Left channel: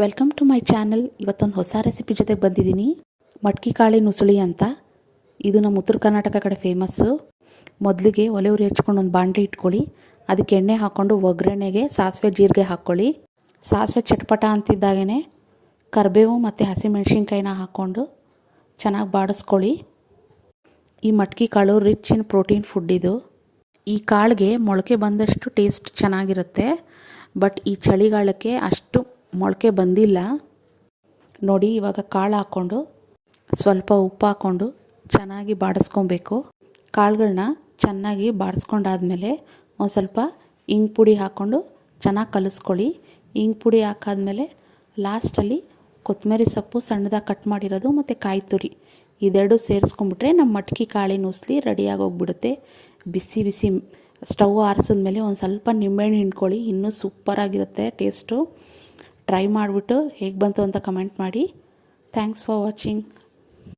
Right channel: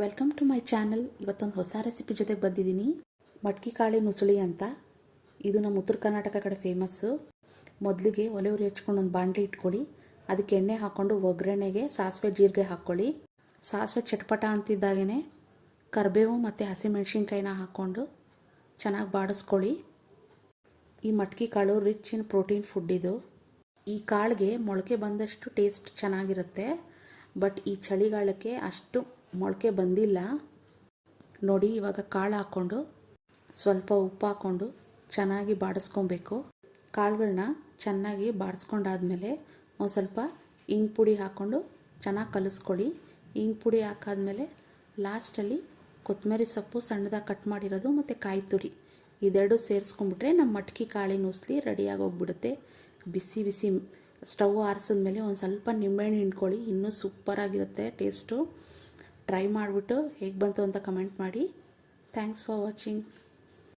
Welcome to my channel. ಇವತ್ತೊಂದು ಹೊಸ recipe ಜೊತೆಗೆ ಬಂದಿದ್ದೀನಿ. ಮಟ್ಕಿ ಕಾಳಿನ ಉಸುಳಿ ಅಂತ. ಇದು ನಮ್ಮ ಉತ್ತರ ಕರ್ನಾಟಕ ಕಡೆ ಫೇಮಸ್ಸು. ಮೊದಲಿಗೆ ಒಲೆ ಉರಿ ಹಚ್ಕೊಂಡು ಒಂದು ಬಾಣಲಿ ಇಟ್ಕೊಳ್ಳಿ. ಅದಕ್ಕೆ ಎಣ್ಣೆ ಹಾಕ್ಕೊಂಡು ಒಗ್ಗರಣೆಗೆ ಸಾಸಿವೆ ಜೀರಿಗೆ ಹಾಕ್ಕೊಳ್ಳಿ. ಸಾಸಿವೆ ಚಟ್ಪಟ ಅಂತಿದ್ದಾಗೇ ಕರಿಬೇವು ಮತ್ತು ಹಸಿಮೆಣ್ಸಿನ್ಕಾಯಿನ ಹಾಕ್ಕೊಂಡು ಚೆನ್ನಾಗಿ ಬಾಡಿಸ್ಕೊಳ್ಳಿ. ಈ ಮಟ್ಕಿ ಕಾಳು ರಿಚ್ ಇನ್ ಪ್ರೋಟೀನ್ ಫುಡ್ ಇದು. ಈ ಕಾಳಿಗೆ ಮೊಳಕೆ ಬಂದಷ್ಟು ಟೇಸ್ಟ್ ಚೆನ್ನಾಗಿರುತ್ತೆ. ಬಟ್ ಈ ಚಳಿಗಾಲಕ್ಕೆ ಅಷ್ಟು ಮೊಳಕೆ ಬಂದಿಲ್ಲ ನೋಡಿ. ಇವಾಗ ಕಾಳು ಹಾಕ್ಕೊಂಡು ಸ್ವಲ್ಪ ಉಪ್ಪು ಹಾಕ್ಕೊಂಡು ಚೆನ್ನಾಗಿ ಬಾಡಿಸ್ಕೊಬೇಕು. ಕಾಳುಗಳನ್ನ ಚೆನ್ನಾಗಿ ಬಾಡಿಸ್ಕೊಂಡಾದ್ಮೇಲೆ ಒಂದು ಸ್ವಲ್ಪ ಇಂಗು ಪುಡಿ ಹಾಕ್ಕೊಂಡು ಚೆನ್ನಾಗಿ ಕಲಿಸ್ಕೊಳ್ಳಿ. ಇಂಗು ಪುಡಿ ಹಾಕಾದ್ಮೇಲೆ ಲಾಸ್ಟಲ್ಲಿ ಕೊತ್ತಂಬರಿ ಸೊಪ್ಪು ಸಣ್ಣದಾಗಿ ಕಟ್ ಮಾಡಿರೋದು ಮತ್ತು ಕಾಯಿ ತುರಿ ಇದೆರಡು ಸೇರಿಸ್ಕೊಂಡ್ಬಿಟ್ರೆ ನಮ್ಮ ಮಟ್ಕಿ ಕಾಳಿನ ಉಸ್ಲಿ ರೆಡಿಯಾಗಿ ಹೋಗ್ಬಿಡುತ್ತೆ. ಬಿಸಿ ಬಿಸಿ ಸ್ಟವ್ ಆರಿಸಿದ್ಮೇಲೆ ಒಂದು ಸ್ವಲ್ಪ ನಿಂಬೆಹಣ್ಣು ಹಿಂಡ್ಕೊಳ್ಳಿ. ಇನ್ನೂ ಸೂಪರಾಗಿರುತ್ತೆ ಟೇಸ್ಟು. ಟ್ರೈ ಮಾಡಿಬಿಟ್ಟು ಹೇಗೆ ಬಂತು ಅಂತ ಕಮೆಂಟ್ ಮಾಡಿ. Thanks for watching.